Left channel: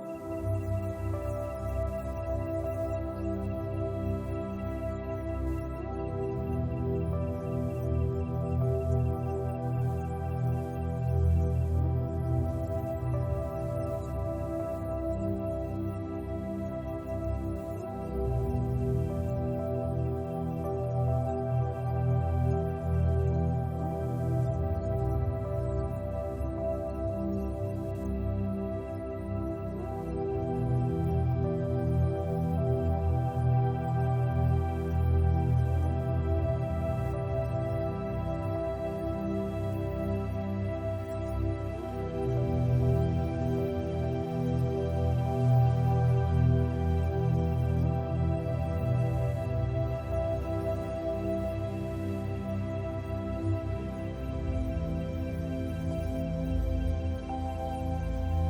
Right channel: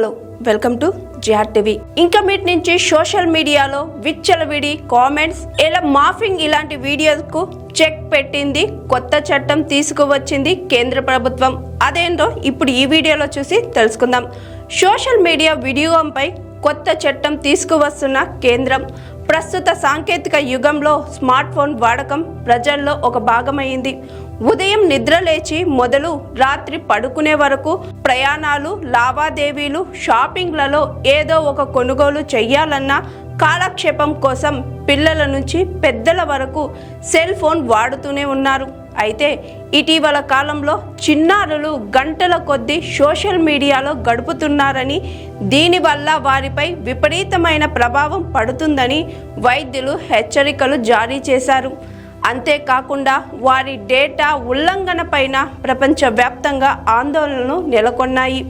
Hello welcome to GR TV. ఇంకా మీటి నుంచి సోషల్ మీడియాలో విచ్చలవిడి కామెంట్స్ ఇలా మాఫింగ్ ఇలాంటి వీడియోస్కు చెక్ పెట్టింది. కొత్త చట్టం తీసుకువచ్చింది కేంద్ర ప్రభుత్వం. అదేంటో ఇప్పుడు ఈ వీడియోలో చూసి తెలుసుకుందాం. సోషల్ మీడియా వినియోగంపై కొత్త చట్టం తీసుకువస్తున్న కేంద్రం. ప్రస్తుత సాంకేతిక యుగంలో స్మార్ట్ ఫోన్ వాడకం ప్రజల్లో ఒక భాగమైంది. ఉదయం నిద్ర లేచి మొదలు రాత్రి పడుకునే వరకు ప్రయాణాలు, లావాదేవీలు, షాపింగ్లలో ఏదో ఒక కొనుగోలు చేయాలన్నా కాలక్షేపం కోసం పిల్లల నుంచి పెద్దల వరకు సెల్ ఫోన్ వాడుతూనే ఉన్నారు. అయితే ఇటీవల కాలంలో చిన్నారులు గంటల కొద్దీ సోషల్ మీడియాలో గడుపుతున్నారని, దీనివల్ల వారిపై విపరీతమైన ప్రభావం పడుతుందని వైద్యులు హెచ్చరికలు జారీ చేశారు. అంతేకాకుండా వారి డేటా ఉల్లంఘన పైన ప్రపంచవ్యాప్తంగా ఆందోళనలు నెలకొన్నాయి.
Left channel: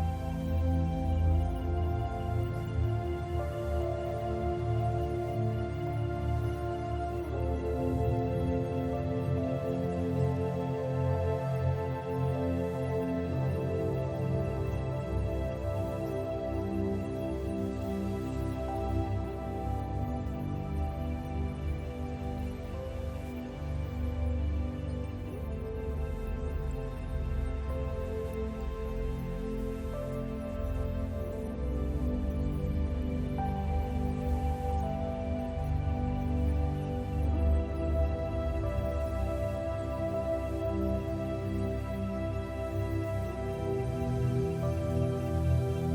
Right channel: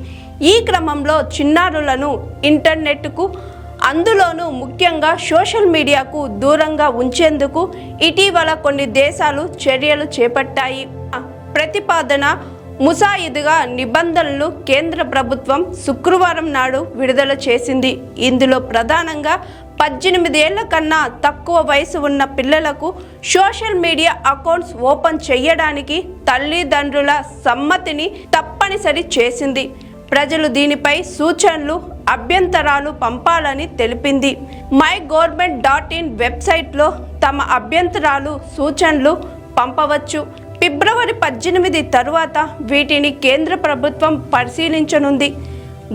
ఈ క్రమంలో చిన్నారులను ఇంటర్నెట్కు, అందులోనూ ముఖ్యంగా సోషల్ మీడియాకు దూరంగా ఉంచేందుకు ఇటీవల కొన్ని దేశాలు చర్యలు చేపట్టాయి. ప్రతిపాదన ముసాయిదుగా నిబంధనలు కేంద్ర ప్రభుత్వం శుక్రవారం నాడు విడుదల చేసింది. ఇందులో ప్రధానంగా 18 ఏళ్ల కన్నా తక్కువ వయసు ఉన్న పిల్లలకు సోషల్ మీడియా అకౌంట్స్ ఓపెన్ చేయడానికి తల్లిదండ్రుల సమ్మతిని తప్పనిసరి చేసింది. ప్రజలు దీనిపై సూచనలు, అభ్యంతరాలు పంపాలని తెలిపింది. MyGovernment.in వెబ్సైట్లో తమ అభ్యంతరాలు, సూచనలు పంపవచ్చు. ఫిబ్రవరి 18 తరువాత వీటిని కేంద్ర ప్రభుత్వం పరిశీలించనుంది.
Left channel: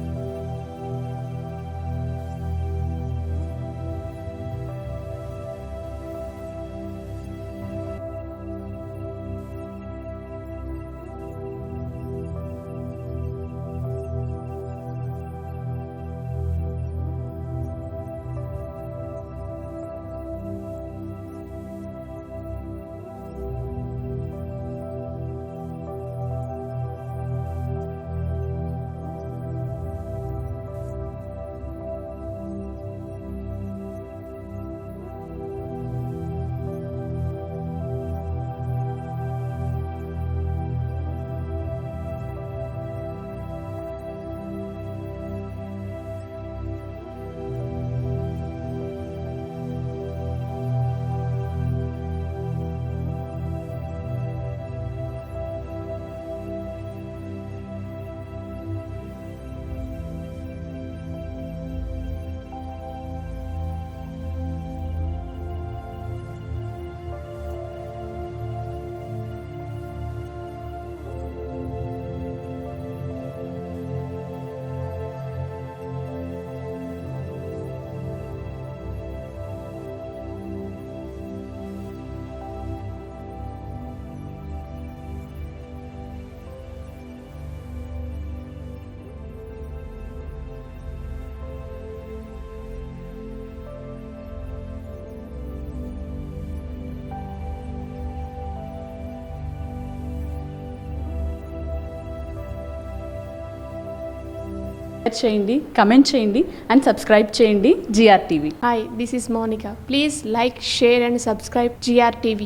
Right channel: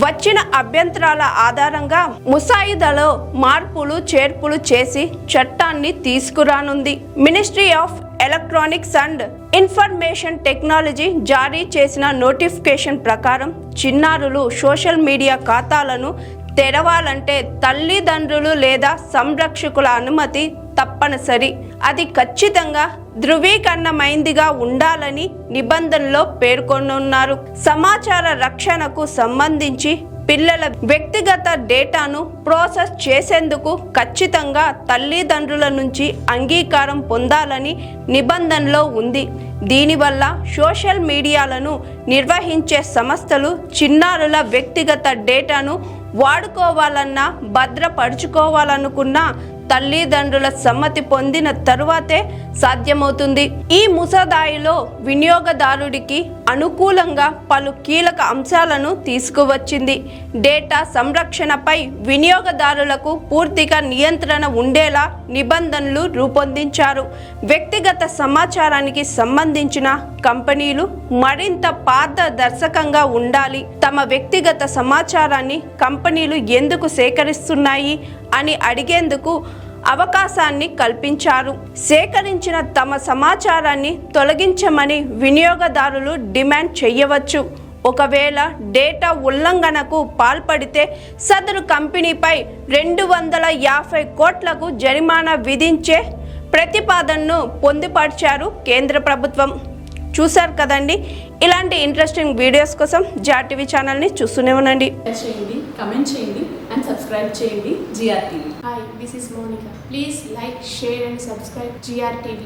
వచ్చిన అభ్యంతరాల ఆధారంగా ముసాయిదాలో మార్పులు, చేర్పులు చేసి చట్టాన్ని తీసుకురానుంది. Ministry of electronics and information technology జారీ చేసిన నోటిఫికేషన్ ప్రకారం చిన్నారులు సోషల్ మీడియా ఖాతాలను తెరవాలంటే తల్లిదండ్రులు లేదా సంరక్షకుల అనుమతి తప్పనిసరి. అది ఖచ్చితంగా ధృవీకరణమైందిగా ఉండాలని నిబంధనలో పేర్కొనున్నారు. సమాచార రక్షణకు సంబంధించి పిల్లల వ్యక్తిగత డేటాను ప్రాసెస్ చేసేందుకు ఖచ్చితంగా తల్లిదండ్రుల నుంచి అంగీకారం పొందాలని నిబంధనలో ఉంది. దీనివల్ల సోషల్ మీడియాలను నిర్వహించే సంస్థలు చిన్నారుల వ్యక్తిగత డేటాను వాడుకోవాలన్నా, భద్రపరుచుకోవాలనుకున్నా తల్లిదండ్రుల సమ్మతి పొందిన తరువాతే సాధ్యమవుతుంది. ఈ ముసాదాయిలో వినియోగదారుడికి అనుకూలంగా పలు కీలక అంశాలను తీసుకువచ్చింది. డేటా సంరక్షణపై వినియోగదారులకు పూర్తిగా నియంత్రణ ఉండేలా నిబంధనలు రూపొందించారు. వ్యక్తిగత సమాచారానికి సంబంధించిన కంపెనీలు మరింత పారదర్శకంగా ఉండాలి. తమ వ్యక్తిగత సమాచారాన్ని కంపెనీలు ఎందుకు సేకరిస్తున్నాయి అని అడిగేందుకు అవకాశాన్ని కల్పించారు. సేకరించిన తమ సమాచారాన్ని తొలగించమని వినియోగదారులు డిమాండ్ చేయవచ్చు. ఒకవేళ డేటా ఉల్లంఘనకు పాల్పడితే సదరు కంపెనీపై 250 కోట్లకు జరిమానా విధించే ప్రతిపాదనను పొందుపరిచారు కేంద్ర ప్రభుత్వం. చూశారు కదండి. ఇలాంటి ఇంట్రెస్టింగ్ వీడియోస్ కోసం జిఆర్ టీవీ ఛానల్ని చూస్తూనే ఉండండి. చేయండి, కమెంట్ చేయండి అండ్ సబ్స్క్రైబ్ చేయండి GR TV. Hi, this is Monica. Please like, share and subscribe GR TV.